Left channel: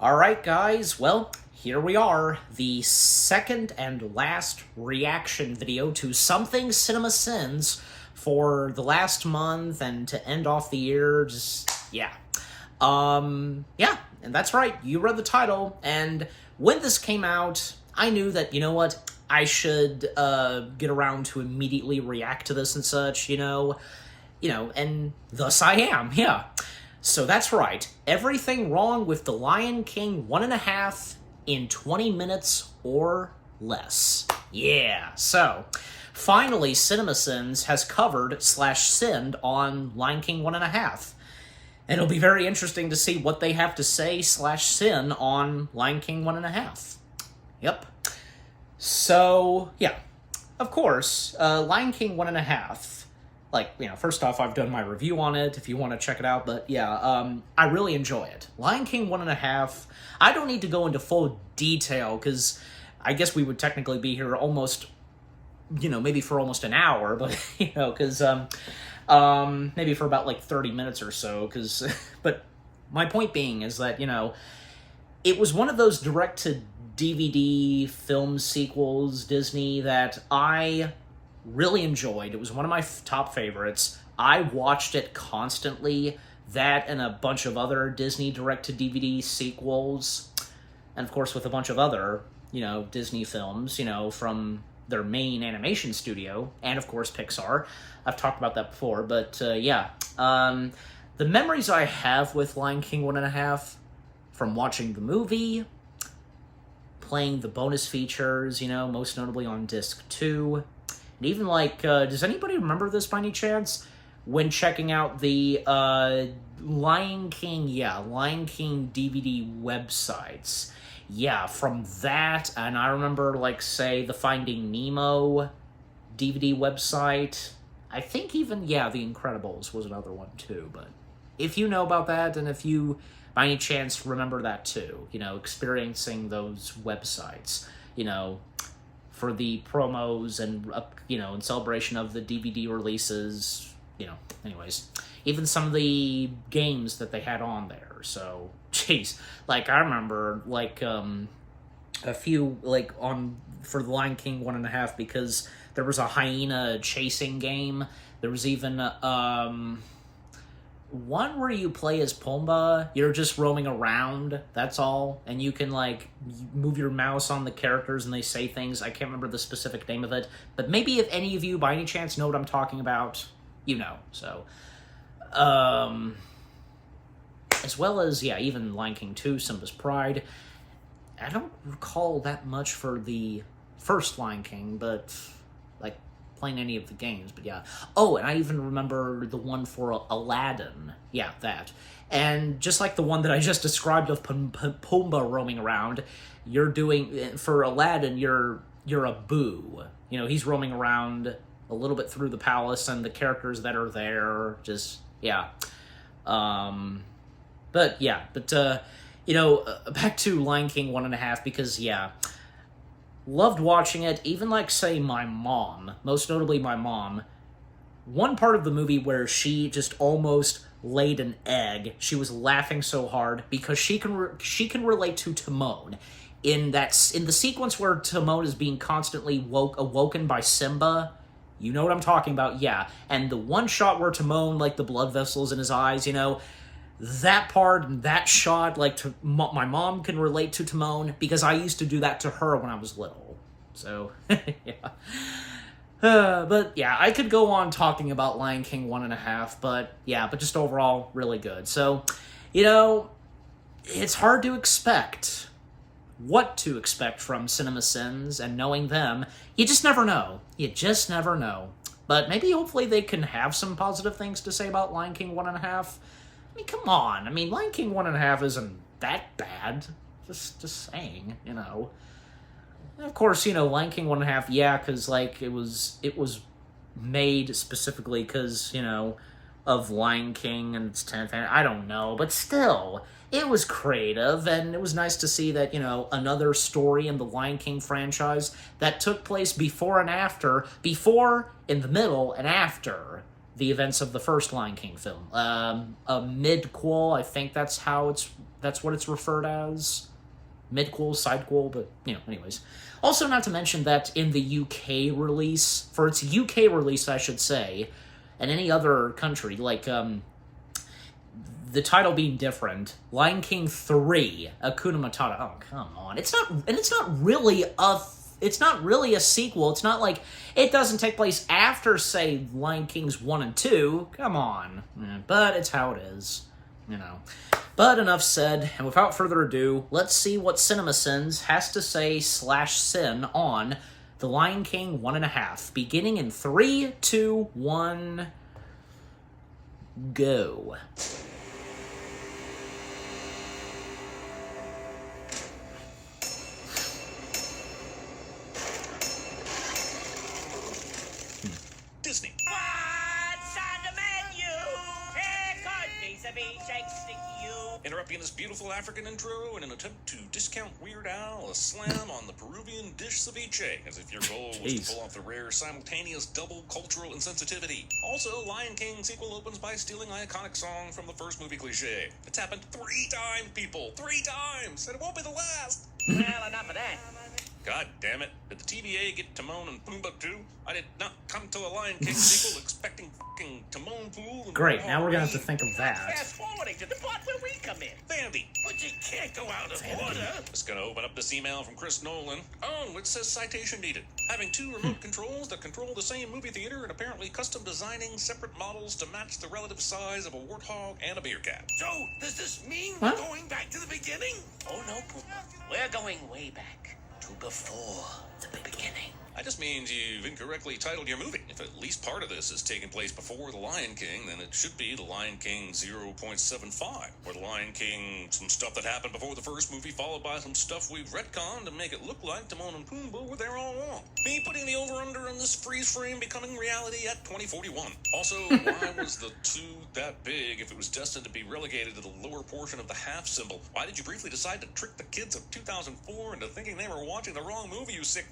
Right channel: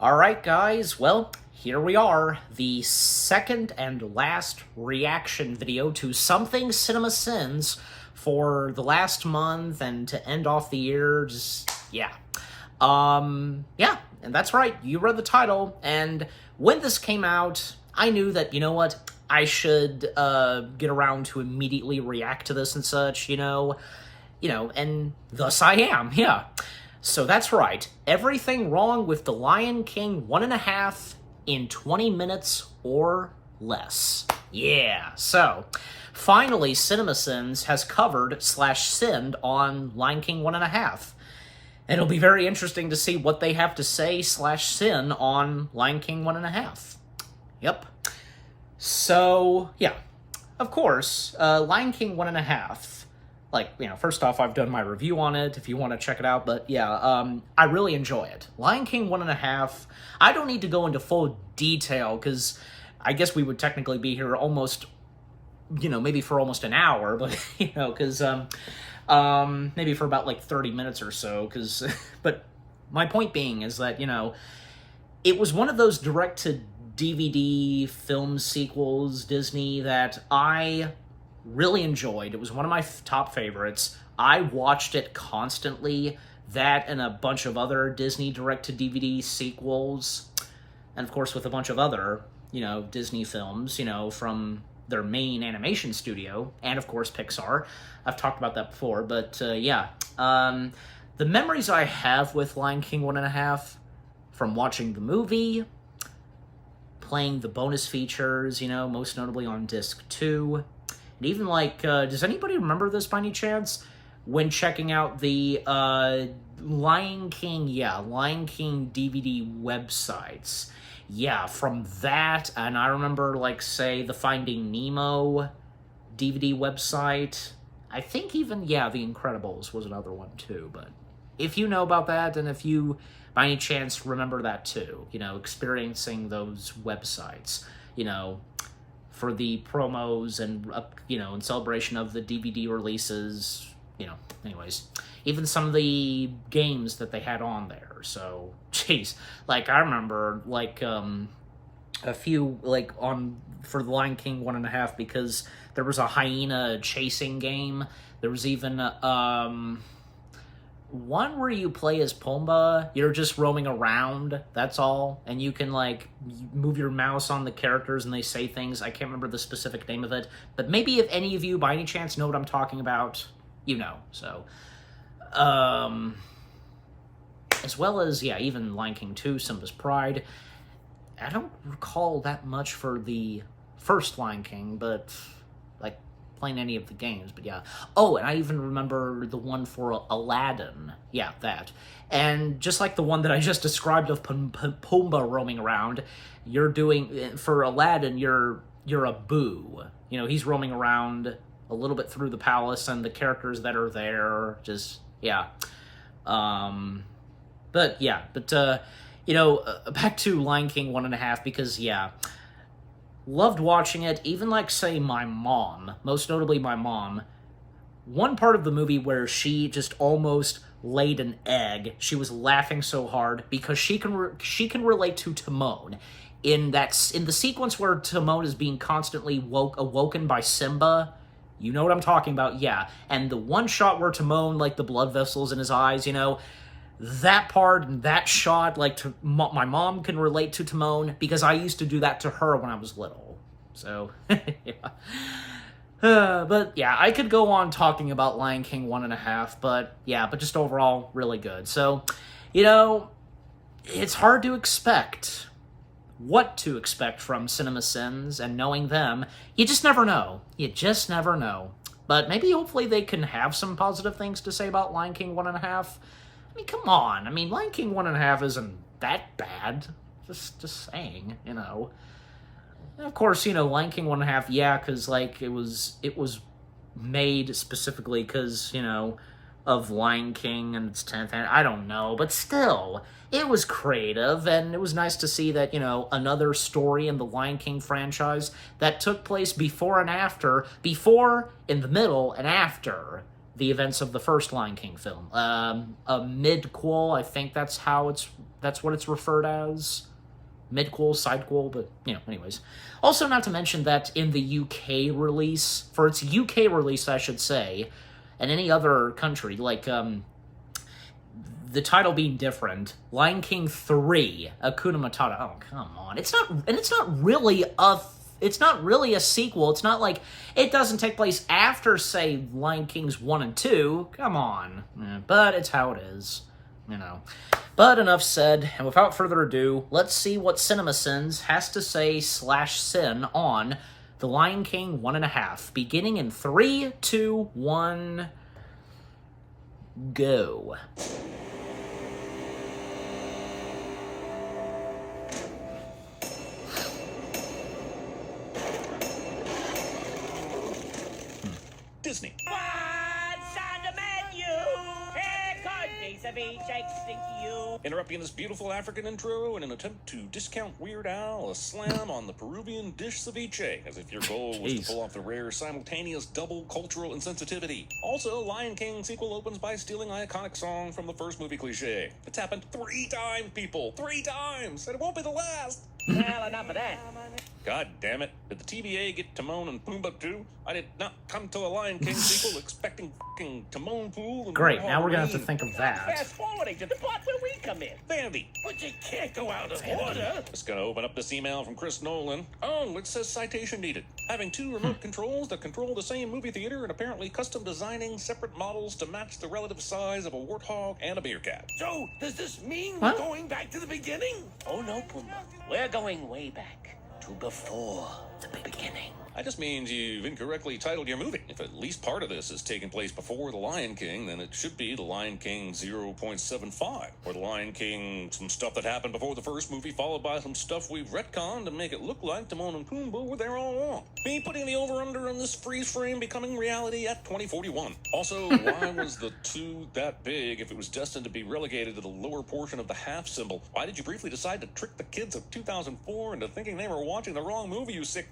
Alright, guys, well, here we are, the second and last reaction video to Something Cinema Sins for the last month and to end off the year, yeah, and that's right, you read the title, and when this came out, I knew that, you know what, I should, get around to immediately react to this and such, and thus I am, yeah. So that's right, everything wrong with The Lion King 1.5 in 20 minutes or less. Yeah, so finally CinemaSins has covered / sinned on Lion King 1.5. And it'll be very interesting to see what they have to say / sin on Lion King 1.5. Yep. So, yeah. Of course, Lion King 1.5. First off, I've done my review on it, if you want to check it out, but yeah, I really enjoy it. Lion King 1.5, I don't need to go into full detail, because I guess we would technically be here almost, maybe for almost an hour, but, because, maybe for about, 30 minutes or so, because, but my point being is that, it was one of those direct-to-DVD film sequels, Disney, that I really enjoyed. It was one of my top favorites. I watched it constantly. That and a bunch of other Disney direct-to-DVD sequels. And of course with a bunch of other, Disney films, from their main animation studio. And of course Pixar. I've talked about that before, but yeah. The memories I have with Lion King 1.5, from watching the movie, playing the bonus features, most notably on Disc 2, and even, does anybody remember this by any chance? When checking out the, Lion King DVD websites. Yeah, from that, and I remember, say, the Finding Nemo DVD website. I think even, The Incredibles was another one, too, but if you know about that, and if you, by any chance, remember that, too, experiencing those websites, for the promos and, in celebration of the DVD releases, anyways. Even some of the games that they had on there, so, jeez. I remember, a few, for The Lion King 1.5, because there was a hyena chasing game. There was even, one where you play as Pumbaa, you're just roaming around, that's all, and you can, move your mouse on the characters and they say things. I can't remember the specific name of it, but maybe if any of you, by any chance, know what I'm talking about, so, as well as, even Lion King 2, Simba's Pride. I don't recall that much for the first Lion King, but, playing any of the games, but yeah. Oh, and I even remember the one for Aladdin. Yeah, that. And just like the one that I just described of Pumbaa roaming around, you're doing, for Aladdin, you're a Boo. He's roaming around a little bit through the palace, and the characters that are there, just, yeah. Back to Lion King 1.5, because, yeah, loved watching it, even say my mom, most notably my mom, one part of the movie where she just almost laid an egg, she was laughing so hard because she can relate to Timon. In the sequence where Timon is being constantly awoken by Simba, you know what I'm talking about, yeah, and the one shot where Timon, the blood vessels in his eyes, that part and that shot, my mom can relate to Timon because I used to do that to her when I was little. So, yeah. But, yeah, I could go on talking about Lion King 1.5, but just overall, really good. So, it's hard to expect what to expect from CinemaSins, and knowing them, you just never know. You just never know. But maybe, hopefully, they can have some positive things to say about Lion King 1.5. Come on. Lion King 1.5 isn't that bad. Just saying, And of course, Lion King 1.5, yeah, because, it was made specifically because, of Lion King and its 10th, I don't know, but still, it was creative, and it was nice to see that, another story in the Lion King franchise that took place before and after, before, in the middle, and after the events of the first Lion King film. A midquel, I think that's what it's referred as. Midquel, sidequel, but, anyways. Also, not to mention that in the UK release, for its UK release, I should say, and any other country, like, the title being different, Lion King 3, Hakuna Matata. Oh, come on. It's not really a sequel. It's not like it doesn't take place after, say, Lion Kings 1 and 2. Come on. But it's how it is, But enough said, and without further ado, let's see what CinemaSins has to say /sin on The Lion King 1.5, beginning in 3, 2, 1, go. Disney. What's on the menu? Here comes a beef shake stick you. Interrupting this beautiful African intro in an attempt to discount Weird Al, a slam on the Peruvian dish ceviche, as if your goal was to pull off the rare simultaneous double cultural insensitivity. Also, Lion King sequel opens by stealing an iconic song from the first movie cliche. It's happened 3 times, people! 3 times! And it won't be the last! Well, enough of that. God damn it. Did the TBA get Timon and Pumbaa too? I did not come to a Lion King sequel expecting fucking Timon Pool. Great, now we're gonna have to think of that. Fast forwarding to the part where we come in. Vandy. But you can't go out of order. Just gonna open up this email from Chris Nolan. Oh, it says citation needed. Having 2 remote controls that control the same movie theater and apparently custom designing separate models to match the relative size of a warthog and a beer cat. So, does this mean Huh? we're going back to the beginning? Oh, no, Pumbaa. We're going way back to before the beginning. That just means you've incorrectly titled your movie. If at least part of this is taking place before The Lion King, then it should be The Lion King 0.75. Or The Lion King, some stuff that happened before the first movie, followed by some stuff we've retconned to make it look like Timon and Pumbaa were there all along. Me putting the over-under on this freeze frame becoming reality at 2041. Also, why was the 2 that big if it was destined to be relegated to the lower portion of the half symbol? Why did you briefly decide to trick the kids of 2004 into thinking they were watching the wrong movie, you sick?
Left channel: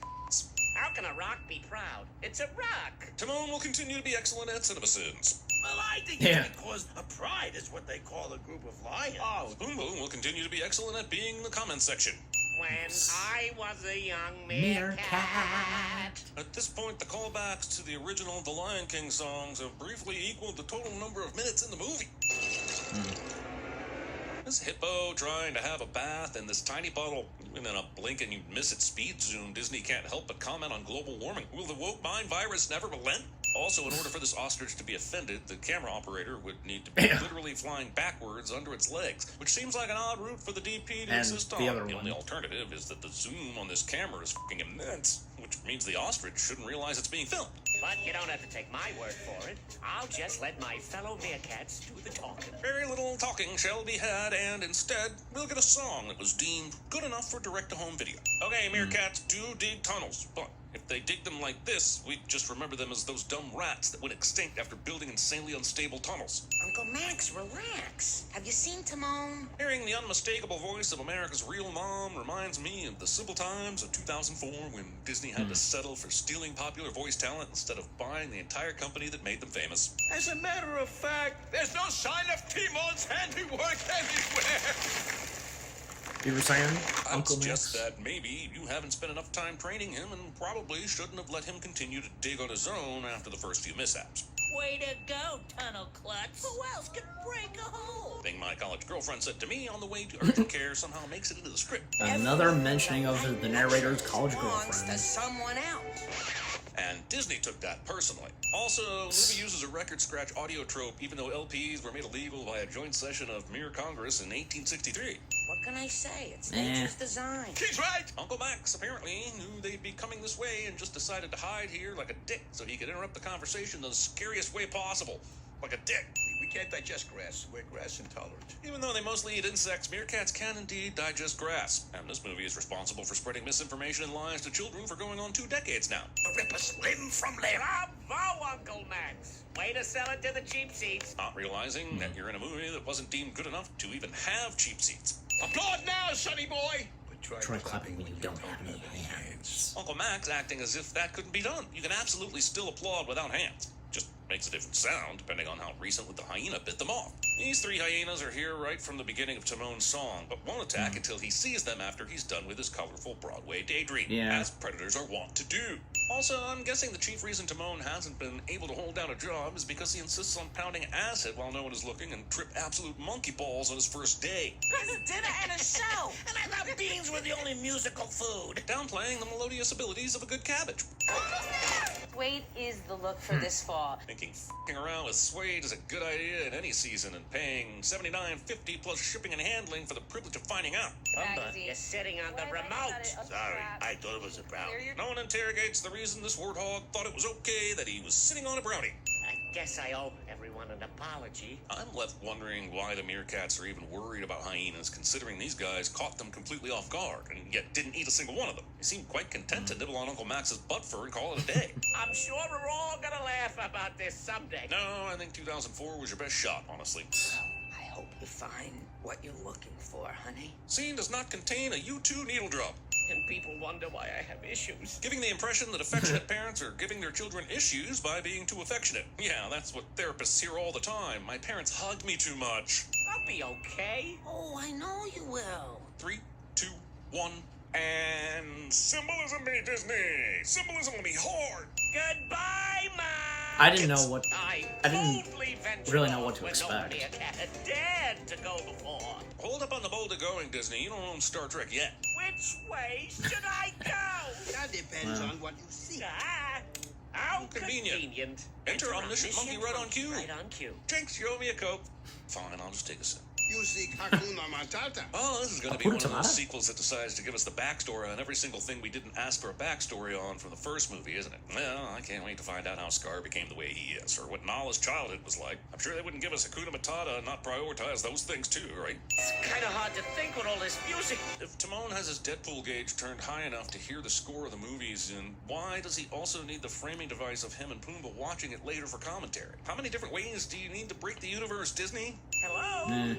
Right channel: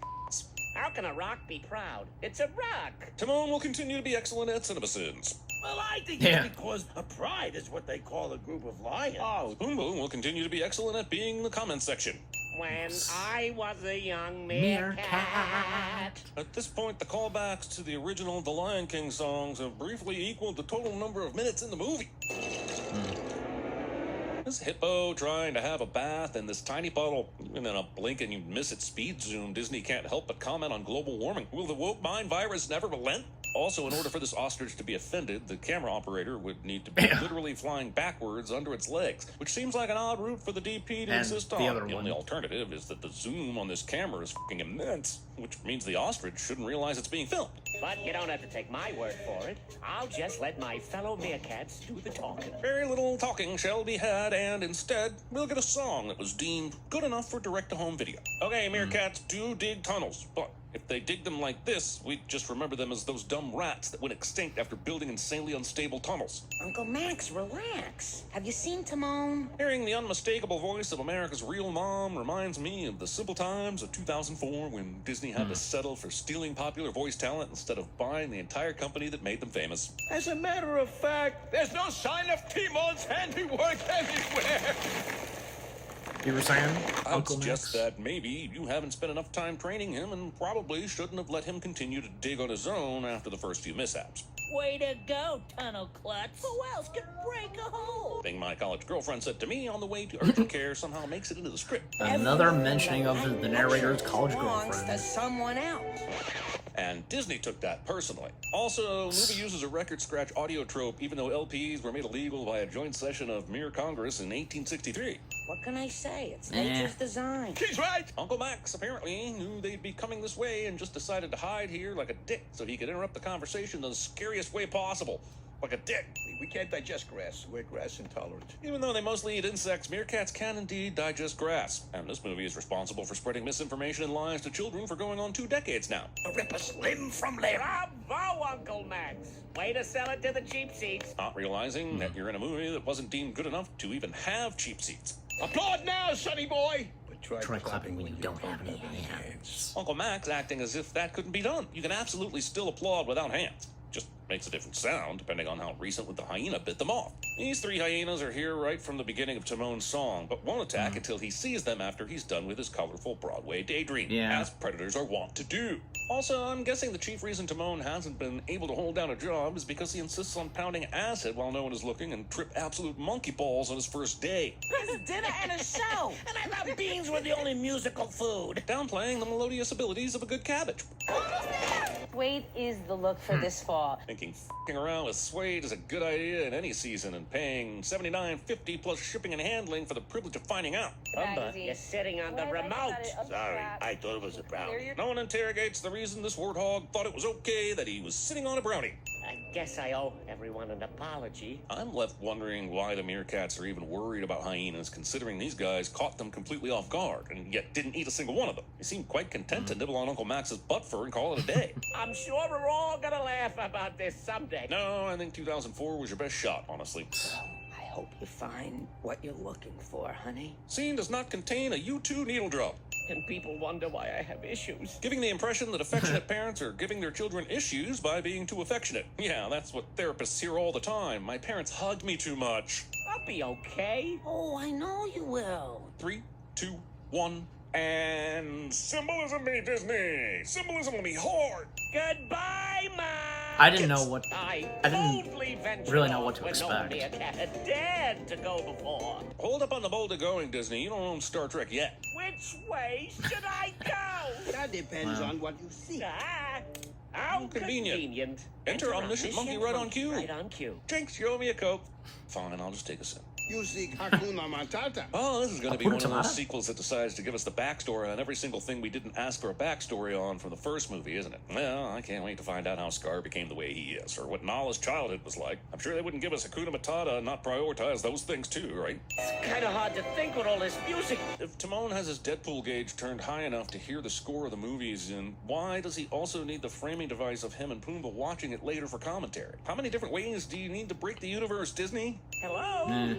How can a rock be proud? It's a rock. Timon will continue to be excellent at CinemaSins. Well, I think Yeah. because a pride is what they call a group of lions. Oh, Pumbaa will continue to be excellent at being in the comment section. When I was a young Meerkat. At this point, the callbacks to the original The Lion King songs have briefly equaled the total number of minutes in the movie. This hippo trying to have a bath in this tiny bottle, and then a blink and you miss its speed zoom. Disney can't help but comment on global warming. Will the woke mind virus never relent? Also, in order for this ostrich to be offended, the camera operator would need to be literally flying backwards under its legs, which seems like an odd route for the DP to And insist on. the other And one. the alternative is that the zoom on this camera is fucking immense, which means the ostrich shouldn't realize it's being filmed. But you don't have to take my word for it. I'll just let my fellow meerkats do the talking. Very little talking shall be had, and instead, we'll get a song that was deemed good enough for direct-to-home video. Okay, meerkats do dig tunnels, but if they dig them like this, we just remember them as those dumb rats that went extinct after building insanely unstable tunnels. Uncle Max, relax. Have you seen Timon? Hearing the unmistakable voice of America's real mom reminds me of the simple times of 2004 when Disney had to settle for stealing popular voice talent instead of buying the entire company that made them famous. As a matter of fact, there's no sign of Timon's handiwork anywhere. You were saying, I'd Uncle suggest Max? that maybe you haven't spent enough time training him and probably shouldn't have let him continue to dig on his own after the first few mishaps. Way to go, Tunnel Klutz. Who else could break a hole? Thing my college girlfriend said to me on the way to urgent care somehow makes it into the script. Another mentioning of the narrator's college Belongs girlfriend. to someone else. And Disney took that personally. Also, movie uses a record scratch audio trope even though LPs were made illegal by a joint session of Mere Congress in 1863. What can I say? It's Eh. nature's design. He's right. Uncle Max apparently knew they'd be coming this way and just decided to hide here like a dick so he could interrupt the conversation the scariest way possible. Like a dick. We can't digest grass. We're grass intolerant. Even though they mostly eat insects, meerkats can indeed digest grass. And this movie is responsible for spreading misinformation and lies to children for going on 2 decades now. Rip us limb from limb. Bravo, Uncle Max. Way to sell it to the cheap seats. Not realizing that you're in a movie that wasn't deemed good enough to even have cheap seats. Applaud now, sonny boy. Try clapping when you don't have any hands. Uncle Max acting as if that couldn't be done. You can absolutely still applaud without hands. Just makes a different sound depending on how recently the hyena bit them off. These three hyenas are here right from the beginning of Timon's song, but won't attack until he sees them after he's done with his colorful Broadway daydream, as predators are wont to do. Also, I'm guessing the chief reason Timon hasn't been able to hold down a job is because he insists on pounding acid while no one is looking and trip absolute monkey balls on his first day. There's a dinner and a show, and I thought beans were the only musical food. Downplaying the melodious abilities of a good cabbage. Suede is the look for this fall. Thinking f***ing around with suede is a good idea in any season, and paying $79.50 plus shipping and handling for the privilege of finding out. Pumbaa, you're sitting on the remote. Sorry, I thought it was a brownie. No one interrogates the reason this warthog thought it was okay that he was sitting on a brownie. I guess I owe everyone an apology. I'm left wondering why the meerkats are even worried about hyenas, considering these guys caught them completely off guard, and yet didn't eat a single one of them. They seem quite content to nibble on Uncle Max's butt fur and call it a day. I'm sure we're all gonna laugh about this someday. No, I think 2004 was your best shot, honestly. I hope you find what you're looking for, honey. Scene does not contain a U2 needle drop. And people wonder why I have issues. Giving the impression that affectionate parents are giving their children issues by being too affectionate. Yeah, that's what therapists hear all the time. My parents hug me too much. I'll be okay. Oh, I know you will. 3, 2, 1, and symbolism me, Disney. Symbolism me hard. Goodbye, Mom. I didn't know what. I didn't totally ventured really know what off to when expect. nobody had dared to go before. Hold up on the boulder going, Disney. You don't own Star Trek yet. Which way should I go? That depends Wow. on what you see. How Convenient. Enter omniscient monkey right on cue. Right on cue. Jinx, you owe me a Coke. Fine, I'll just take a sip. You see Hakuna Matata. Oh, this is going to be Hakuna one of those Matata? sequels that decides to give us the backstory on every single thing we didn't ask for a backstory on from the first movie, isn't it? Well, I can't wait to find out how Scar became the way he is, or what Nala's childhood was like. I'm sure they wouldn't give us Hakuna Matata and not prioritize those things too, right? It's kind of hard to think with all this music. If Timon has his Deadpool gauge turned high enough to hear the score of the movies, then why does he also need the framing device of him and Pumbaa watching it later for commentary? How many different ways do you need to break the universe, Disney? Hello?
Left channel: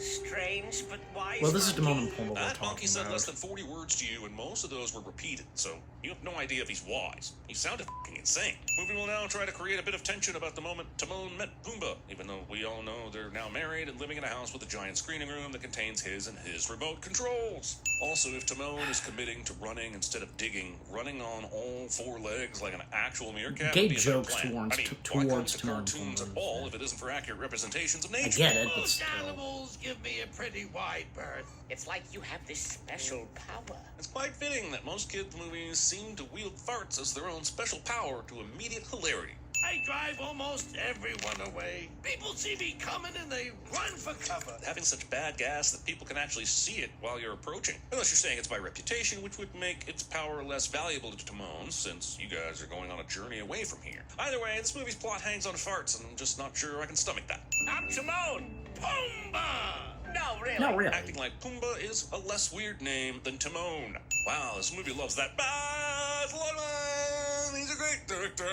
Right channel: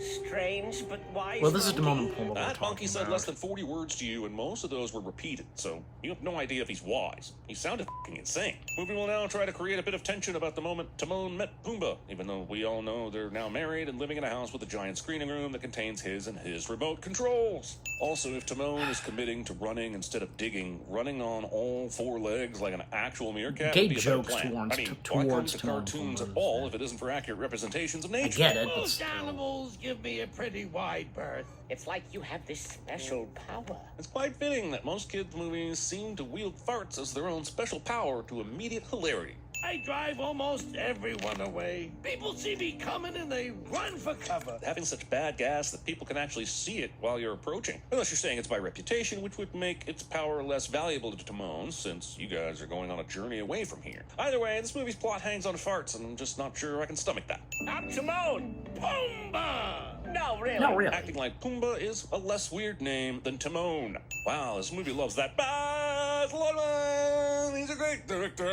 Strange, but why? Well, this is Timon and Pumbaa we're That monkey talking said less about. than 40 words to you, and most of those were repeated, so you have no idea if he's wise. He sounded f***ing insane. Movie will now try to create a bit of tension about the moment Timon met Pumbaa, even though we all know they're now married and living in a house with a giant screening room that contains his and his remote controls. Also, if Timon is committing to running instead of digging, running on all four legs like an actual meerkat... Gay would be a jokes plan. towards- I mean, towards why come to Timon and cartoons at Pumbaa, all yeah. if it isn't for accurate representations of I nature? get it, but Most still. animals give me a pretty wide berth. It's like you have this special power. It's quite fitting that most kids' movies seem to wield farts as their own special power to immediate hilarity. I drive almost everyone away. People see me coming and they run for cover. Having such bad gas that people can actually see it while you're approaching. Unless you're saying it's by reputation, which would make its power less valuable to Timon, since you guys are going on a journey away from here. Either way, this movie's plot hangs on farts, and I'm just not sure I can stomach that. Not Timon. Pumbaa. No, really. No, really. Acting like Pumbaa is a less weird name than Timon. Wow, this movie loves that. Baz Luhrmann! He's a great director.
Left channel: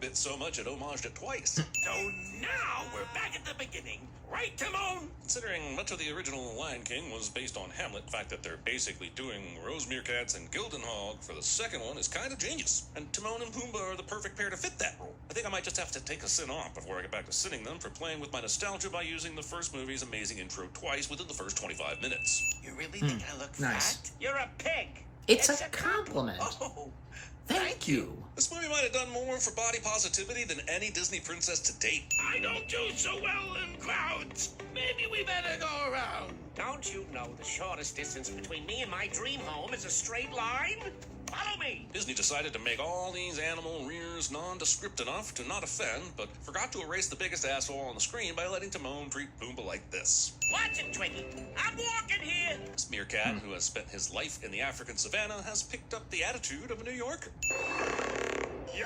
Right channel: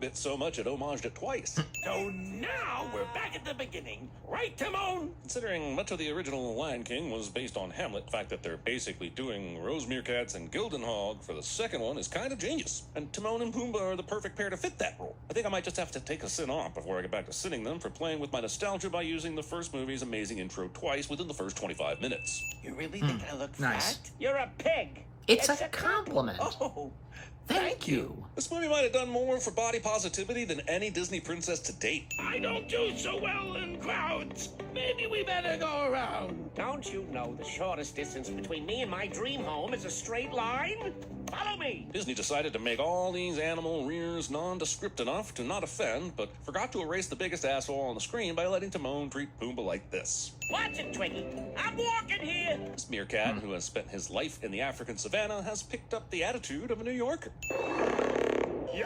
Bit so much it homaged it twice. So now we're back at the beginning. Right, Timon? Considering much of the original Lion King was based on Hamlet, the fact that they're basically doing Rose Meerkats and Gildenhog for the second one is kind of genius. And Timon and Pumbaa are the perfect pair to fit that role. I think I might just have to take a sin off before I get back to sitting them for playing with my nostalgia by using the first movie's amazing intro twice within the first 25 minutes. You really think I look Nice. fat? You're a pig. It's a compliment. Oh, Thank you. This movie might have done more for body positivity than any Disney princess to date. I don't do so well in crowds. Maybe we better go around. Don't you know the shortest distance between me and my dream home is a straight line? Follow me. Disney decided to make all these animal rears nondescript enough to not offend, but forgot to erase the biggest asshole on the screen by letting Timon treat Pumbaa like this. Watch it, Twiggy. I'm walking here. This meerkat, who has spent his life in the African savannah, has picked up the attitude of a New Yorker. Yo!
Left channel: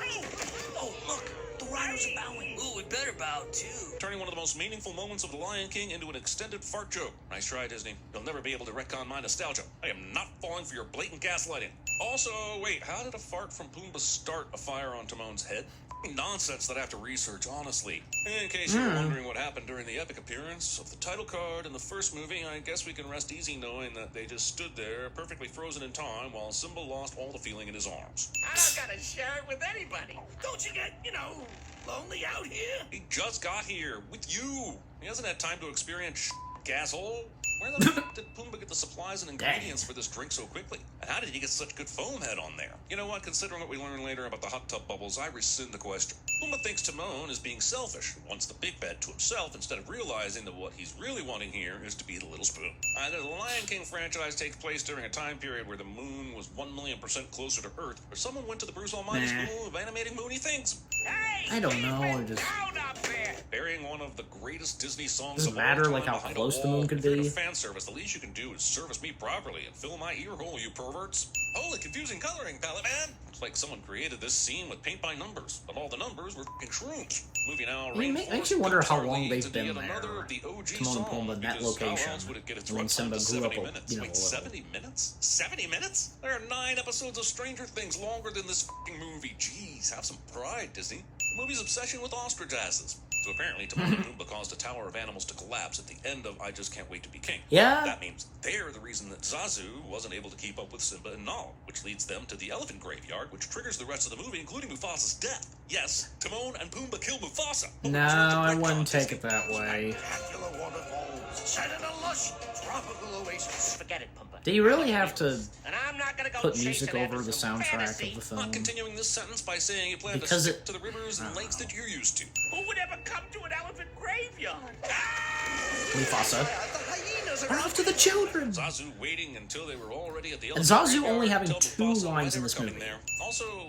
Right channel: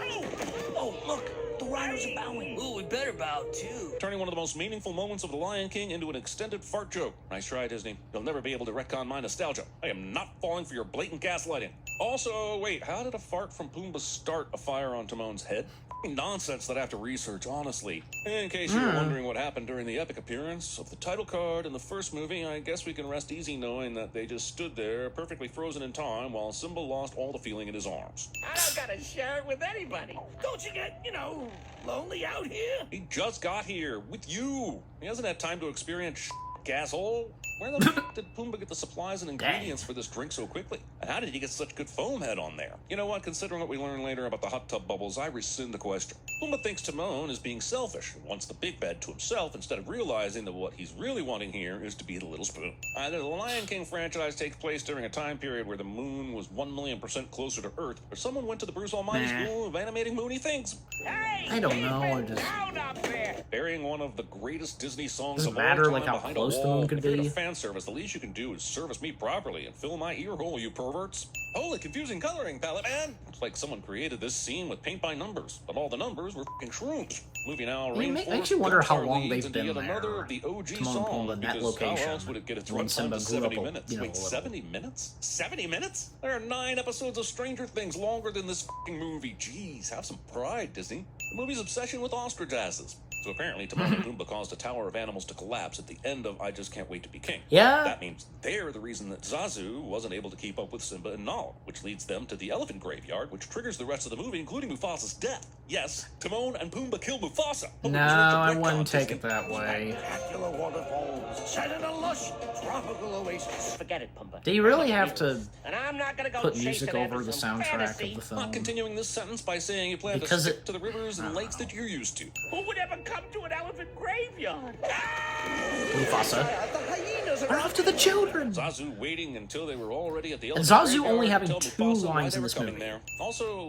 Oh, look. The rhinos are bowing. Ooh, we better bow, too. Turning one of the most meaningful moments of The Lion King into an extended fart joke. Nice try, Disney. You'll never be able to retcon my nostalgia. I am not falling for your blatant gaslighting. Also, wait, how did a fart from Pumbaa start a fire on Timon's head? nonsense that I have to research, honestly. In case you're wondering what happened during the epic appearance of the title card in the first movie, I guess we can rest easy knowing that they just stood there, perfectly frozen in time, while Simba lost all the feeling in his arms. I don't gotta share it with anybody. Don't you get, lonely out here? He just got here, with you. He hasn't had time to experience asshole. Where the f*** did Pumbaa get the supplies and ingredients for this drink so quickly? And how did he get such good foam head on there? You know what, considering what we learn later about the hot tub bubbles, I rescind the question. Pumbaa thinks Timon is being selfish and wants the big bed to himself instead of realizing that what he's really wanting here is to be the little spoon. Either the Lion King franchise takes place during a time period where the moon was 1,000,000% closer to Earth, or someone went to the Bruce Almighty School of Animating Moony Things. I don't know, or just... Burying one of the greatest Disney songs. Doesn't matter, like, how close the moon could be. Fan service. The least you can do is service me properly and fill my ear hole, you perverts. Holy confusing coloring palette, man. Looks like someone created this scene with paint by numbers, but all the numbers were f***ing shrooms. Moving now. It makes you wonder how long they've been there. Timon and Pumbaa in that location. When Simba grew up, a little. 70 minutes? 70 minutes? There are 9 episodes of Stranger Things longer than this f***ing movie. Jeez, have some pride, Disney. The movie's obsession with ostrich asses. So apparently Timon and Pumbaa caused a tower of animals to collapse at the end of I Just Can't Wait to Be King. Yeah. That means they're the reason that Zazu wasn't able to keep up with Simba and Nala, which leads them to the elephant graveyard, which triggers the rest of the movie, including Mufasa's death. Yes, Timon and Pumbaa kill Mufasa. No, I wouldn't take it that way. Forget it, Pumbaa. Do you really have to And I'm not gonna go put music chasing over the after some soundtrack fantasy. of the I'm film? continuing this sentence by saying you plan Because to it- stick to the rivers and lakes that you're used to. Who would ever come to an elephant graveyard? Mufasa. We're off to the children! Zazu waiting until they were already at the And elephant Zazu graveyard only having until 2 Mufasa lines in was this movie. there.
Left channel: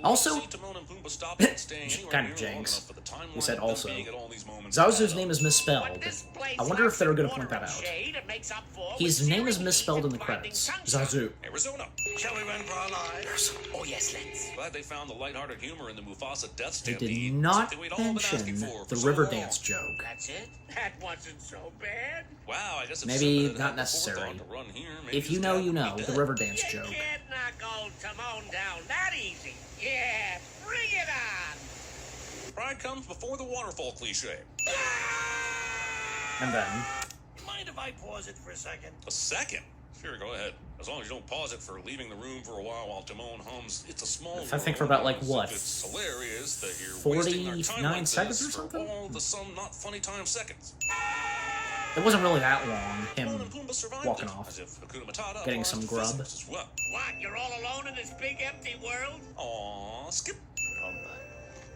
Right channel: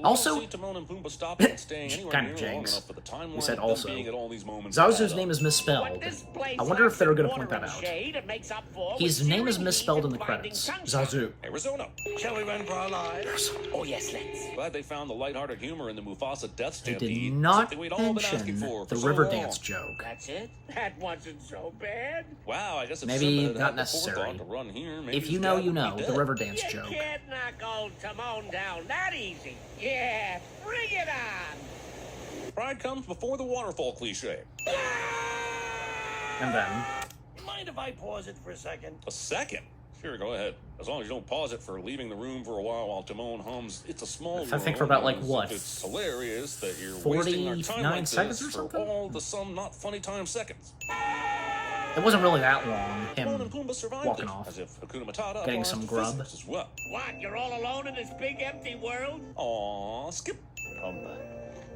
Also, we see Timon and Pumbaa stopping and staying anywhere kind of near long jinx. enough for the time We said warp also. being at all these moments. Zazu's name is misspelled. This place I wonder if they're gonna point that lacks out. shade and makes up for His name is misspelled in the credits. Zazu. Arizona. Shall we run for our lives? Oh, yes, let's. Glad they found the lighthearted humor in the Mufasa death They stampede. did not Something we'd all been asking mention for the so river long. dance joke. That's it? That wasn't so bad. Wow, I guess it's Maybe Simba that not had the necessary. forethought to run here. Maybe If you his know, dad you would be know. The dead. river dance You joke. can't knock old Timon down that easy. Yeah, bring it on. Pride comes before the waterfall cliche. And then, Mind if I pause it for a second? A second? Sure, go ahead. As long as you don't pause it for leaving the room for a while Timon hums It's a Small I think for about, like, World. what, It's hilarious that you're 49 wasting our time like seconds this or something? for all the some not funny time seconds. it wasn't really that long, Timon him and Pumbaa survived walking it, off. as if Hakuna Matata getting applies some to grub. physics as well. What, you're all alone in this big empty world? Aw, Skip.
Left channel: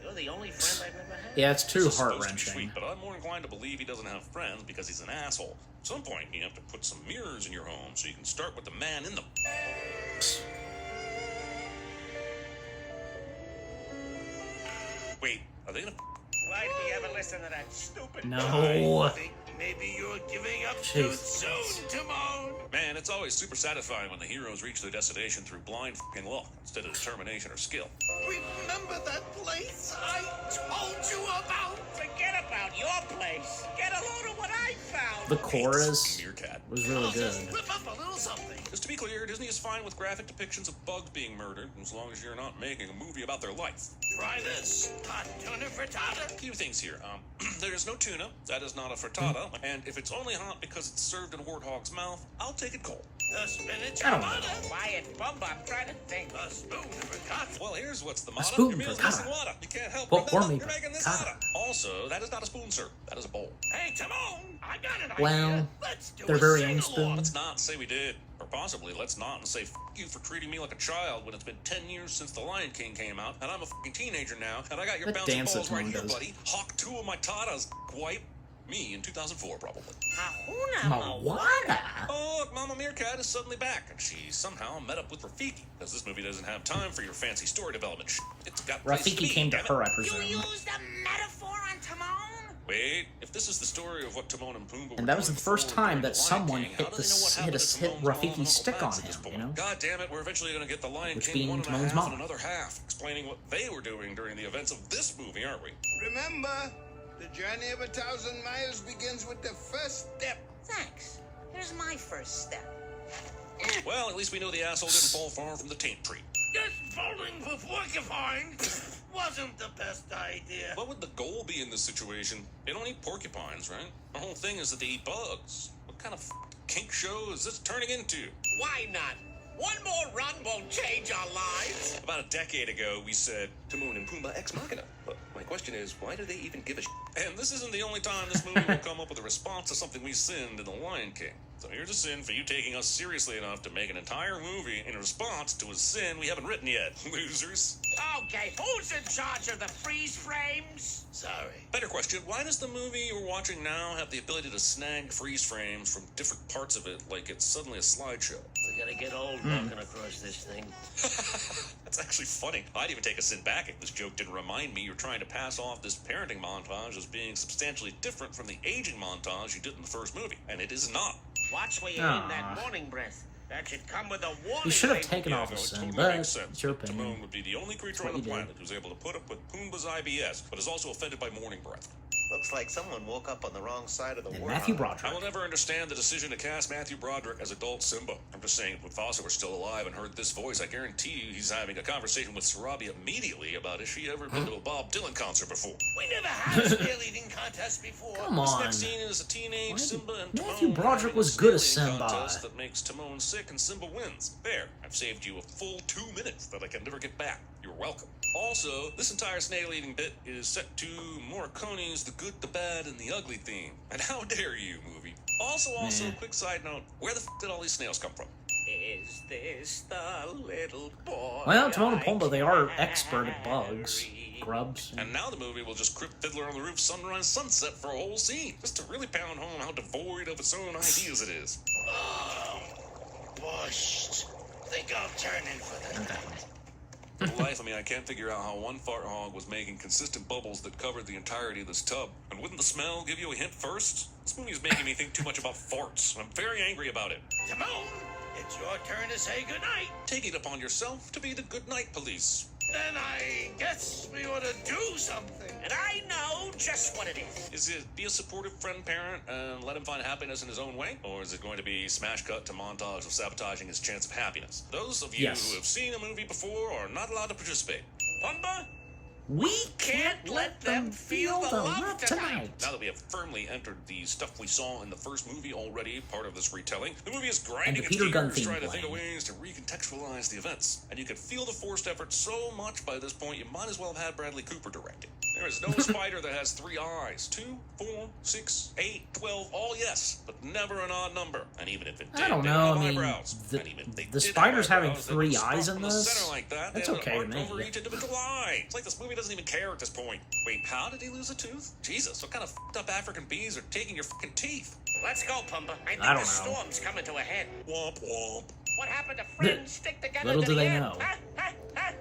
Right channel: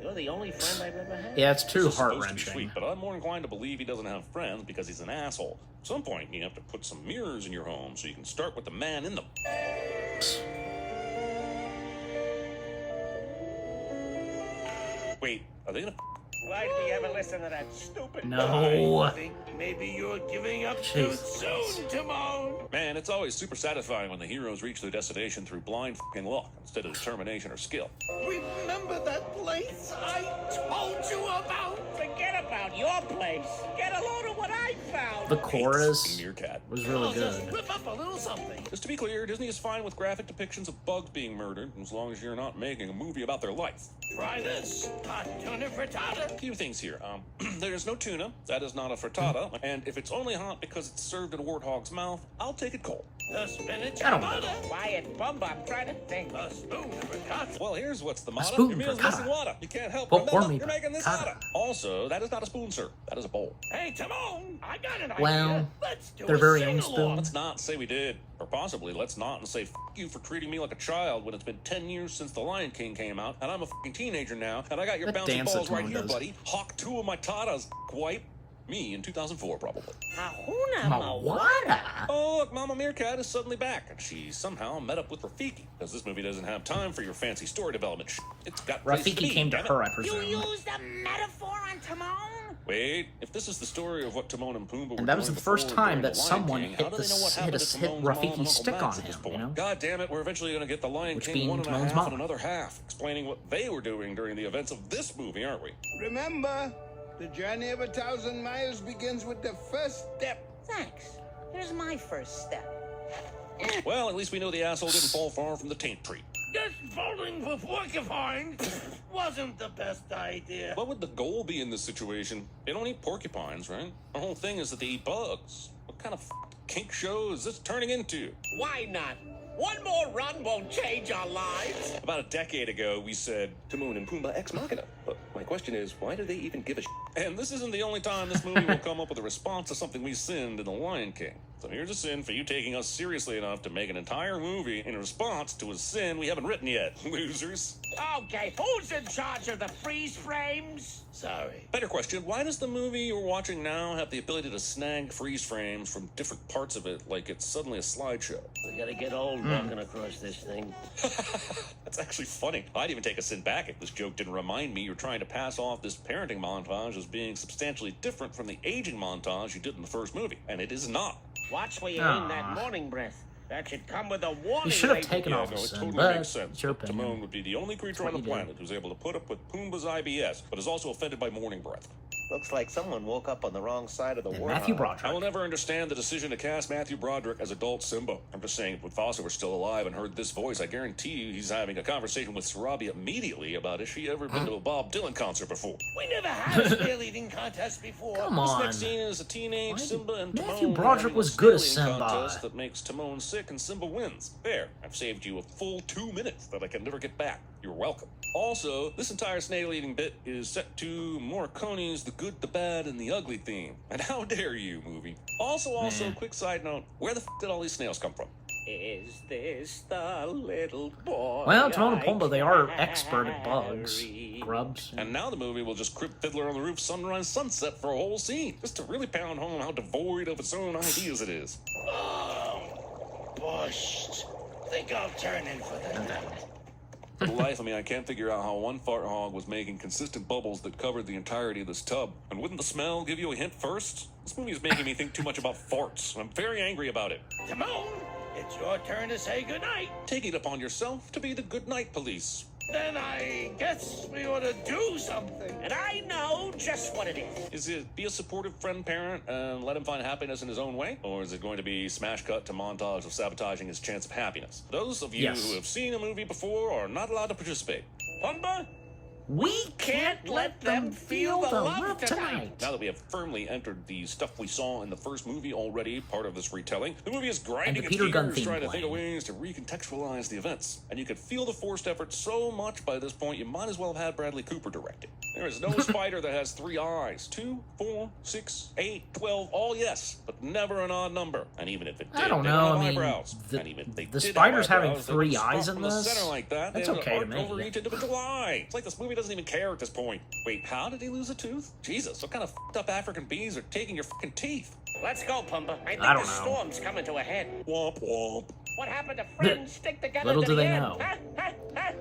You're the only friend I've ever had. Yeah, it's too This is supposed to be heart-wrenching. sweet, But I'm more inclined to believe he doesn't have friends because he's an asshole. At some point, you have to put some mirrors in your home so you can start with the man in them. Wait, are they gonna? Why did we ever listen to that stupid No. I think maybe you're giving up too Jeez. soon, Timon. Man, it's always super satisfying when the heroes reach their destination through blind f***ing luck instead of determination or skill. Remember that place I told you about? Forget about your place. Get a load of what I found. The chorus Meerkat. was really good. Whip up a little something. Just to be clear, Disney is fine with graphic depictions of bugs being murdered, as long as you're not making a movie about their life. Try this. Hot tuna frittata. A few things here. There's no tuna. That is not a frittata. And if it's only hot because it's served in a warthog's mouth, I'll take it cold. The spinach. I don't know. Quiet, Bumba. I'm trying to think. A spoon of frittata. Well, here's what's the motto. spoon Your meal's frittata. missing water. You can't help Well, but pour know me you're making this frittata. water. Also, that is not a spoon, sir. That is a bowl. Hey, Timon. I got an Well, idea. Let's do their a very own sing-along. spoon. Let's not say we did. Or possibly, let's not and say, f*** you for treating me like a child when it's been 10 years since The Lion King came out, and I'm a f***ing teenager now, and I got your That bouncy dance that balls right Timon here, does. buddy. Hawk 2 of my tatas, white. Me in 2004, probably. Moana? Oh, look, Mama Meerkat is suddenly back, and she somehow met up with Rafiki, because this movie doesn't have time for your fancy story development sh**. It's got Rafiki speed, came to damn it. her, I You presume. used a metaphor on Timon? Wait, if this is the story of what Timon and Pumbaa And that was were the doing first before time the that Lion someone King, hit how do the they know what hit happened a to hit Timon's mom Rafiki's and stick Uncle on Max at this him, point? you know? God damn it, we're eventually gonna get the Lion Which King being one and a Timon's half mom. and another half, explaining what they were doing during the events of this movie, aren't we? Remember, the journey of 1,000 miles begins with the first step. Thanks. Here's my first step. Well, at least we know the asshole didn't fall far from the taint tree. This bowling for porcupines wasn't the best idea. What would the goal be in this situation? They don't eat porcupines, right? The whole thing is that they eat bugs. What kind of kink show is this turning into? Why not? One more run won't change our lives. About a decade ago, we said Timon and Pumbaa ex machina. But my question is, why do they even give a And this isn't the only time this movie will come up with a response to something we sinned in The Lion King. So here's a sin for you taking us seriously enough to make an entire movie in response to a sin we haven't written yet. Losers. Okay, who's in charge of the freeze frames? Sorry. Better question, why does the movie we're watching now have the ability to snag freeze frames from different parts of it like it's suddenly a slideshow? We gotta get old walking across this thing. That's actually funny. I'd even take a sin back if this joke didn't remind me you're trying to pass off this parenting montage as being substantially different from the aging montage you did in the first movie. And it is not. Watch where you're in that morning breath. That should come with a warning. You should have label. taken off a it sin, totally but makes sense. it's your Timon opinion. would be the only creature What on the you do. planet who's able to put up with Pumbaa's IBS, but is also offended by morning breath. Looks like someone woke up on the wrong side of the And world. Matthew I will Broderick. never understand the decision to cast Matthew Broderick as adult Simba. I'm just saying, if Mufasa were still alive and heard this voice, I guarantee you he's having a conversation with Sarabi immediately about if she ever been to a Bob Dylan concert before. We never had a snail eating contest before. Come This on. next scene is a teenage Why did Simba and Matthew Timon Broderick having was a good as snail eating Simba? contest that makes Timon sick and Simba wins. There, I've saved you a full 2 minutes that I can never get back. You're welcome. Also, this entire snail-eating bit is set to Morricone's The Good, the Bad, and the Ugly theme. And how dare you, movie. Also, quick side note, where the f*** did all these snails come from? Is this the little boy? Well, Timon and I Pumbaa, they are expert at bugs, carry? grubs. And now the movie will just crib Fiddler on the Roof Sunrise Sunset for a whole scene, just to really pound home how devoid of its own ideas it is. Oh, bushed. Think I'll turn in for And that. then, For the life of me, I can't figure out how one fart hog was making consistent bubbles that covered the entirety of this tub. And wouldn't the smell give you a hint first? This movie is making me think too much about farts, and I'm very angry about it. Timon, it's your turn to say goodnight. Take it upon yourself to be the good night police. Then I guess we ought to do something. And I know just what it is. Is it be a supportive friend parent and let him find happiness in his own way? Or is it going to be smash cut to montage of sabotaging his chance of happiness? Those of you Yes. who have seen the movie before are not allowed to participate. Pumbaa, we can't let them feel the love tonight. Now that we have firmly entered the stuff we saw in the first movie already, part of this retelling, the movie is grinding And the its Peter Gunn gears, theme trying to think of playing. ways to recontextualize the events. And you could feel the forced effort so much by this point, you might as well have had Bradley Cooper direct it. There is no spider that has 3 eyes. 2, 4, 6, 8, 12, all yes, but never an odd number. And even if it did, I don't they know, have I mean, eyebrows. the- And even if they the did spiders have having eyebrows, they 3 would start eyes from in the this? center like that, That's and okay to arc me. over each individual eye. It's like this movie doesn't even care at this point. Wait, how did he lose a tooth? Jesus, what kind of f***ed up African bees are taking your fucking teeth? let's go, Pumbaa. I think I don't the know. storm's coming to a head. Womp womp. What happened to friends stick together? Little to do the they end? know. Huh?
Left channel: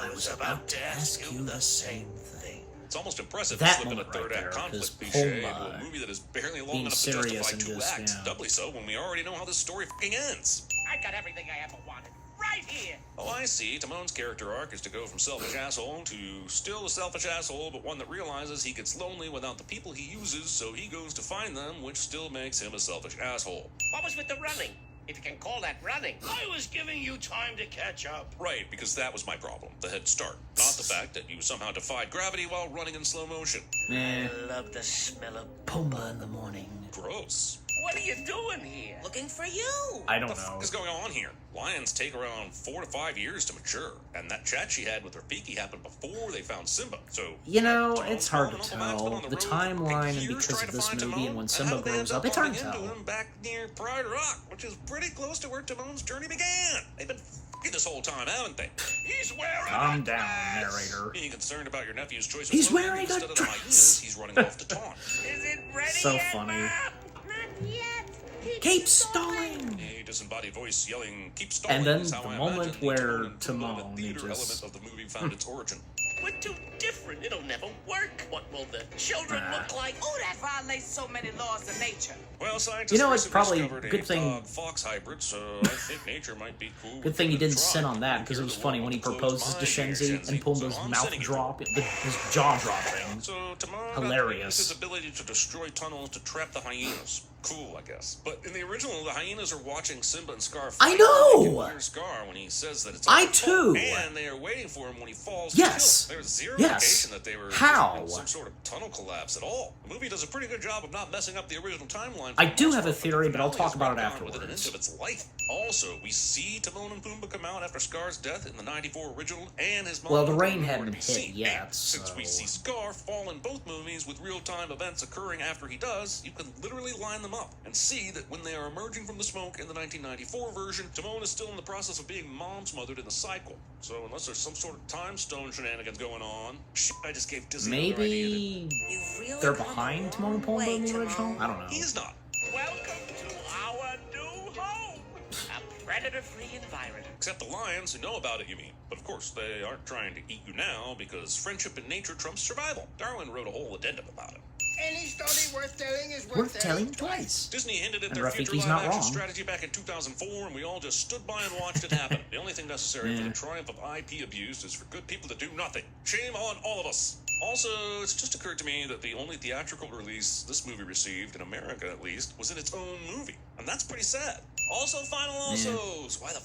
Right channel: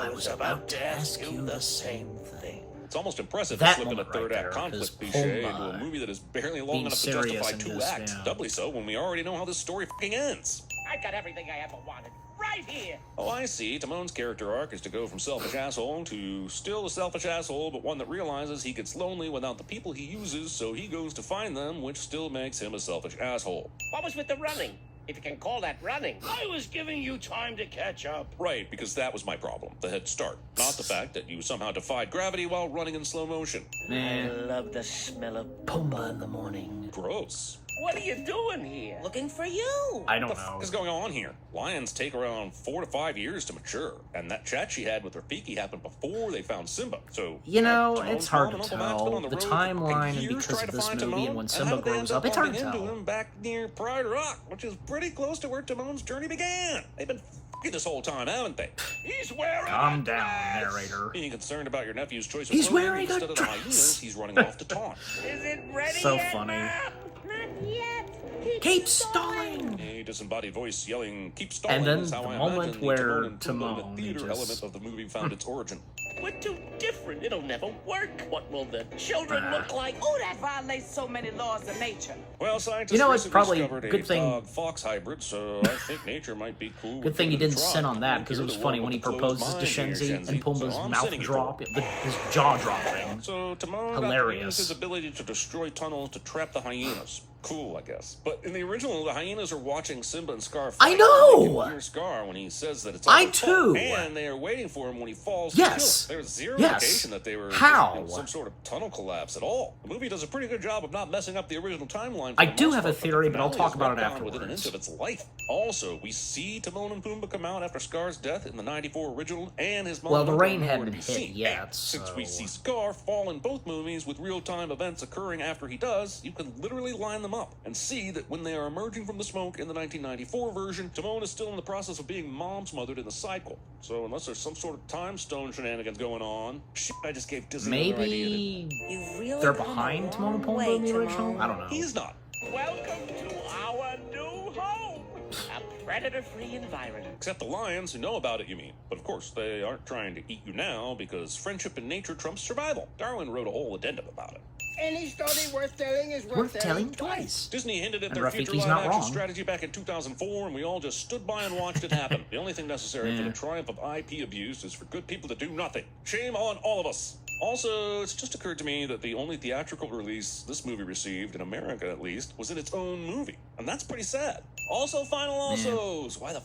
I was about to ask you the same thing. It's almost impressive That to slip in a moment right third-act there, conflict 'cause cliché into Pumbaa a movie that is barely long being enough serious to and justify 2 just, acts. yeah. Doubly so when we already know how this story fucking ends. I got everything I ever wanted. Right here. Oh, I see. Timon's character arc is to go from selfish asshole to still a selfish asshole, but one that realizes he gets lonely without the people he uses, so he goes to find them, which still makes him a selfish asshole. What was with the running? If you can call that running. I was giving you time to catch up. Right, because that was my problem, the head start. Not the fact that you somehow defied gravity while running in slow motion. I Man, love the smell of Pumbaa in the morning. Gross. What are you doing here? Looking for you. I don't know. What is going on here? Lions take around 4 to 5 years to mature, and that chat she had with Rafiki happened before they found Simba. So You know, Timon's it's hard to fallen on tell. the The road, timeline and and years because trying of to this find movie Timon, and when and Simba how they grows ended up, it's hard to bumping into tell. him back near Pride Rock, which is pretty close to where Timon's journey began. They've been f***ing this whole time, haven't they? He's wearing Calm a down, dress. narrator. Being concerned about your nephew's choice of He's clothing wearing a instead of the hyenas, dress. he's running off to talk. Is it ready So yet? funny. Not yet. Keep stalling! A disembodied voice yelling, "Keep stalling," And then is how the I moment imagine where Timon and Pumbaa, Timon, the he theater just- element of the movie found its origin. We're too different. It'll never work. What will the children Ah. look like? Oh, that violates so many laws of nature. Well, scientists You know, it's recently probably discovered a good thing- dog-fox hybrid, so I think nature might be cool. Good thing he didn't Try. sin on that, because it was funny when he proposes to Shenzi and Pumbaa's So I'm mouth sending it drop, to his jaw dropping. So Timon Hilarious. got his ability to destroy tunnels to trap the hyenas. Cool, I guess. But in the original, the hyenas are watching Simba and Scar. I know! fight. Scar when he says that it's I his fault, too! And they are waiting for him when he falls. Yes. There's zero Yes. indication that they were How? in some sort of tunnel collapse at all. The movie does a pretty good job of not messing up the original timeline. I do have a theory, but I'll talk about it Within an afterwards. inch of its life. Also, we see Timon and Pumbaa come out after Scar's death in the '94 original, and his mom. Well, the rain we hadn't already hit see. yet, And since we so- see Scar fall in both movies with real-time events occurring after he does, you can literally line them up and see that when they are emerging from the smoke in the 1994 version, Timon is still in the process of being mom-smothered in the cycle. So unless there's some sort of time stone shenanigans going on, shit, I just gave Disney more idea Maybe You really they're come a behind long Timon and Pumbaa in the way, original? Timon. I don't know. that he's not. Welcome to our new home. A predator-free environment. Except the lions who know about it, you mean. But of course, they aren't trying to eat you now because friendship in nature trumps survival. Darwin wrote a whole addendum about it. Any story worth telling is Worth telling twice. Disney hinted at And their future Rafiki's not live-action wrong. strategy back in 2004, and we all just stood by and watched it happen. The only thing necessary for the triumph of IP abuse is for good people to do nothing. Shame on all of us. Also, it's just occurred to me that the only theatrical release this movie received, in America at least, was in its own movie. And that's pretty sad. Also, final alsos. Why the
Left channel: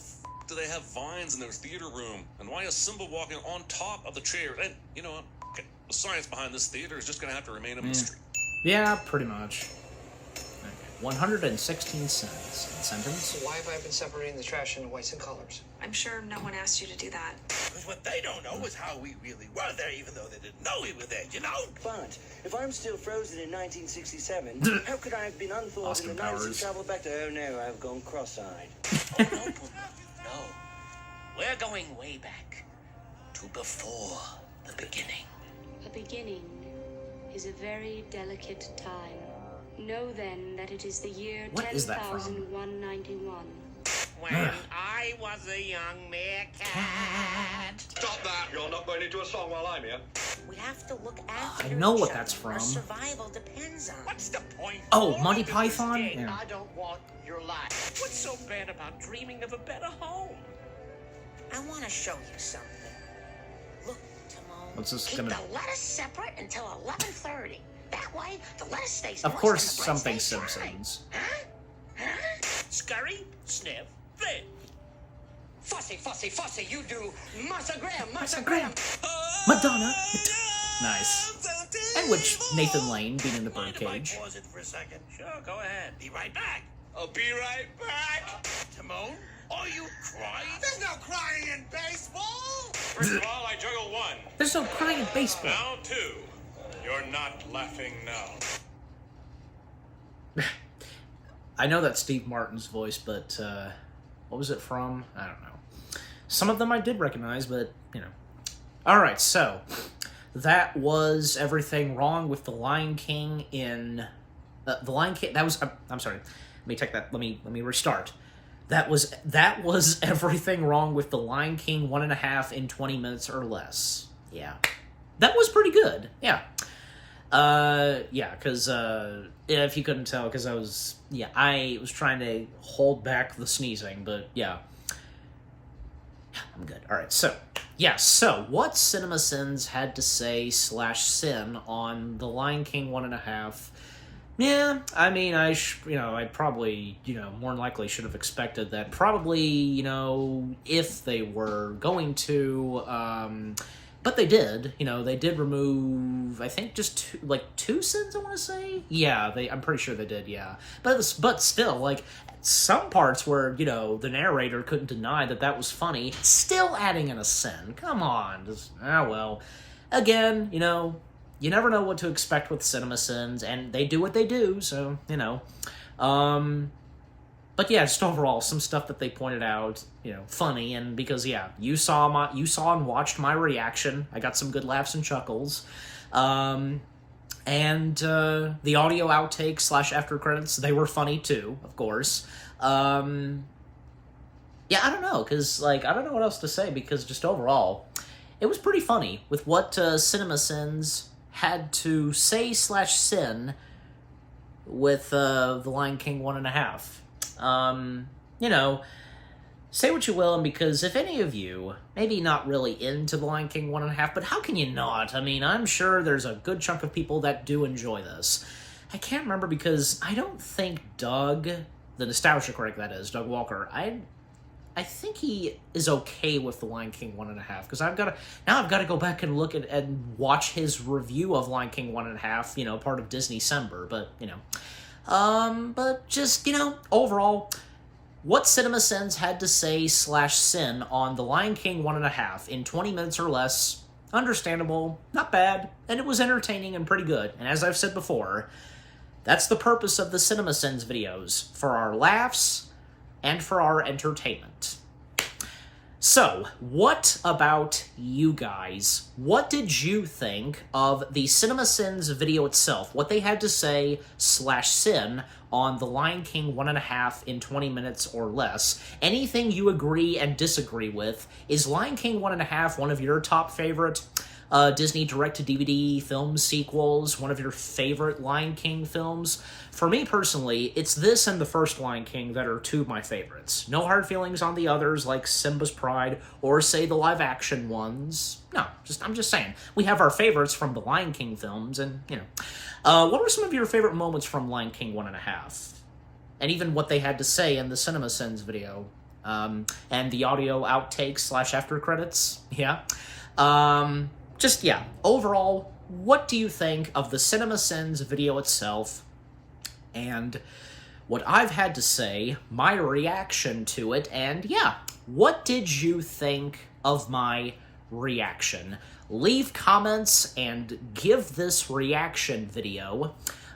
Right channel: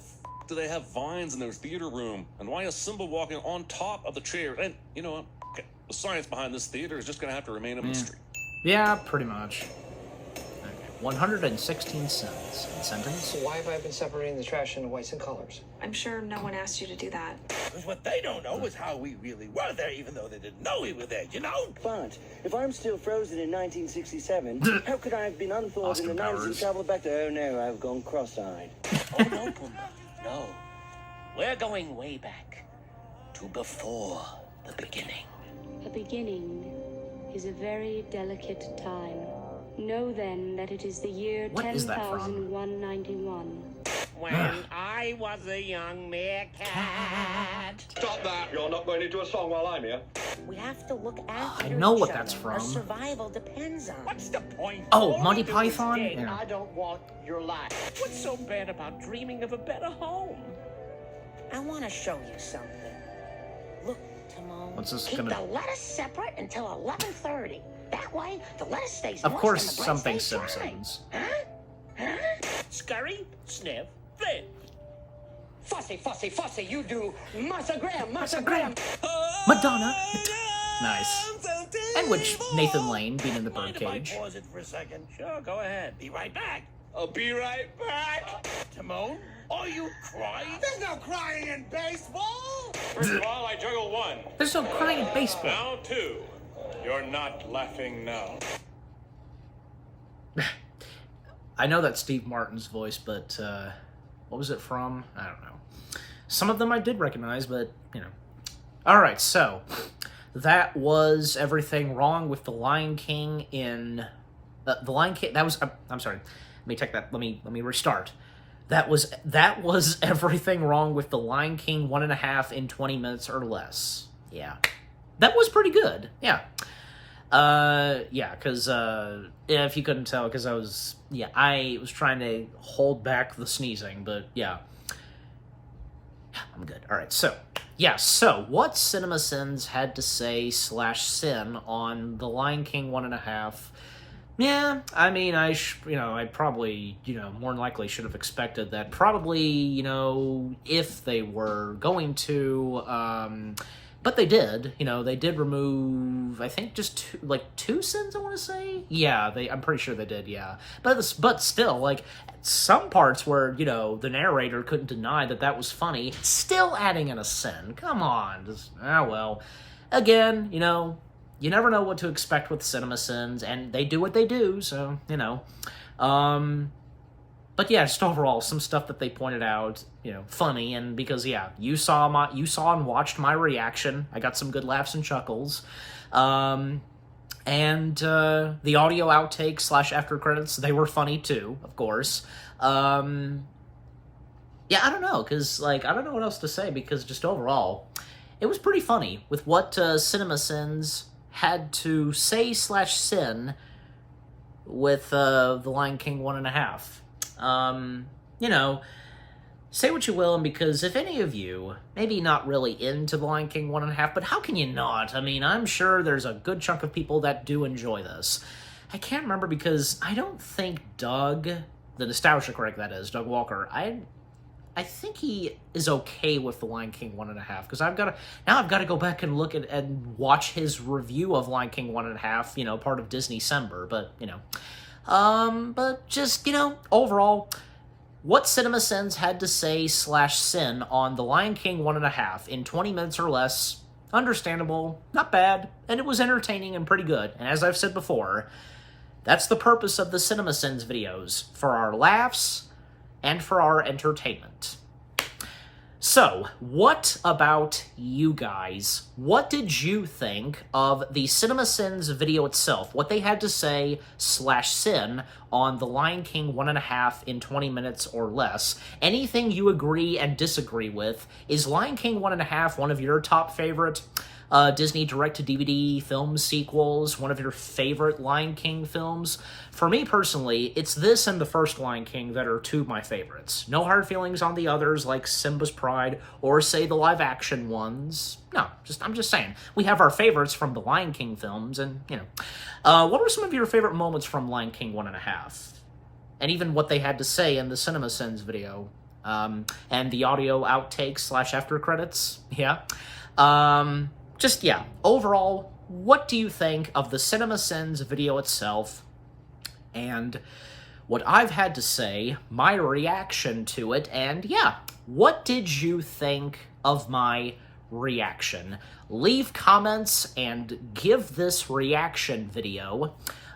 do they have vines in their theater room? And why is Simba walking on top of the chair? And, you know, okay, the science behind this theater is just going to have to remain a mystery. Yeah, pretty much. Okay. 116 cents. And sentence? So why have I been separating the trash into whites and colors? I'm sure no one asked you to do that. Because what they don't know is how we really were there, even though they didn't know we were there, you know? But if I'm still frozen in 1967, how could I have been unfolding Austin the nights and Powers. traveled back to? Oh no, I've gone cross-eyed. Oh, no, Pumbaa. No. We're going way back to before the beginning. A beginning is a very delicate time. Know then that it is the year What is that from? 10,191. When I was a young meerkat. Stop that! You're not going into a song while I'm here. We have to look after I know what each that's other. Our from. survival depends on it. What's the point? Oh, All Monty we do is Python? gain. Yeah. I don't want your life. What's so bad about dreaming of a better home? I want to show you something. Look, Timon. What's this Keep gonna- the lettuce separate until 11:30. That way, the lettuce stays. Of moist course, and the bread something stays dry. Simpsons. Scurry, sniff, then. Fussy, you do. Massa Graham, Massa Graham. Madonna. Nice. And which Nathan Lane being in the birdcage. Pause it for a second. Sure, go ahead. Be right back. I'll be right back. Timon, are you crying? There's no crying in baseball! While I juggle one, There's no crying in baseball. round two. You're not laughing now. I know that's Steve Martin's voice, but what was it from? I don't know. Some of them I did recognize, but, you know. Alright, so that was everything wrong with The Lion King in... The Lion King... That was... I'm sorry. Let me take that... Let me restart. That was everything wrong with The Lion King 1.5 in 20 minutes or less. Yeah. That was pretty good. Yeah. Yeah, because, if you couldn't tell, because I was trying to hold back the sneezing, but, yeah. I'm good. Alright, so what CinemaSins had to say /sin on The Lion King 1.5. Yeah, I mean, I probably, more than likely should have expected that. Probably, if they were going to, but they did. They did remove, I think, just two sins, I want to say? Yeah, I'm pretty sure they did, yeah. But still, some parts where, the narrator couldn't deny that was funny, still adding in a sin. Come on. Well. Again, you never know what to expect with CinemaSins, and they do what they do, so, But yeah, just overall, some stuff that they pointed out, funny, and because, yeah, you saw and watched my reaction. I got some good laughs and chuckles. And the audio outtakes / after credits, they were funny too, of course. Yeah, I don't know, because, I don't know what else to say, because just overall, it was pretty funny with what CinemaSins had to say /sin with The Lion King 1.5. You know, say what you will, and because if any of you, maybe not really into The Lion King 1.5, but how can you not? I mean, I'm sure there's a good chunk of people that do enjoy this. I can't remember because I don't think Doug, the nostalgia critic that is, Doug Walker, I think he is okay with The Lion King 1.5, because I've got to go back and look at and watch his review of Lion King 1.5, you know, part of Disney-cember, but, you know. But just, you know, overall, what CinemaSins had to say /sin on The Lion King 1.5 in 20 minutes or less, understandable, not bad, and it was entertaining and pretty good. And as I've said before, that's the purpose of the CinemaSins videos, for our laughs and for our entertainment. So, what about you guys? What did you think of the CinemaSins video itself? What they had to say /sin on The Lion King 1.5 in 20 minutes or less? Anything you agree and disagree with? Is Lion King 1.5 one of your top favorite Disney direct-to-DVD film sequels? One of your favorite Lion King films? For me personally, it's this and the first Lion King that are two of my favorites. No hard feelings on the others, like Simba's Pride, or say the live-action ones. No, I'm just saying. We have our favorites from the Lion King films, and, you know. What were some of your favorite moments from Lion King 1.5? And even what they had to say in the CinemaSins video. And the audio outtakes /after credits. Yeah. Just, yeah, overall, what do you think of the CinemaSins video itself, and what I've had to say, my reaction to it, and yeah, what did you think of my reaction? Leave comments and give this reaction video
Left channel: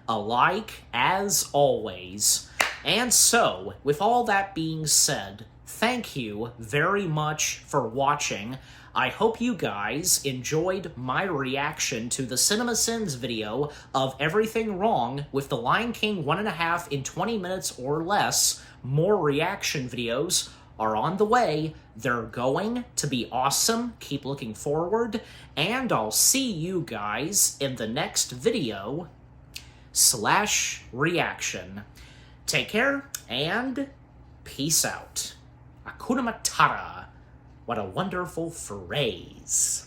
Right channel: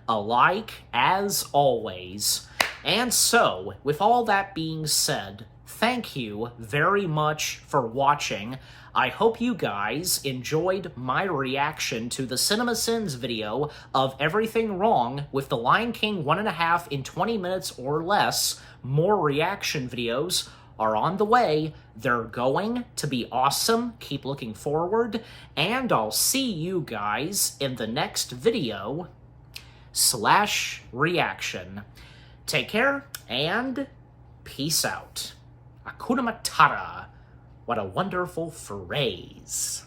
a like, as always. And so, with all that being said, thank you very much for watching. I hope you guys enjoyed my reaction to the CinemaSins video of everything wrong with The Lion King 1.5 in 20 minutes or less. More reaction videos are on the way. They're going to be awesome. Keep looking forward. And I'll see you guys in the next video /reaction. Take care and peace out. Hakuna Matata. What a wonderful phrase.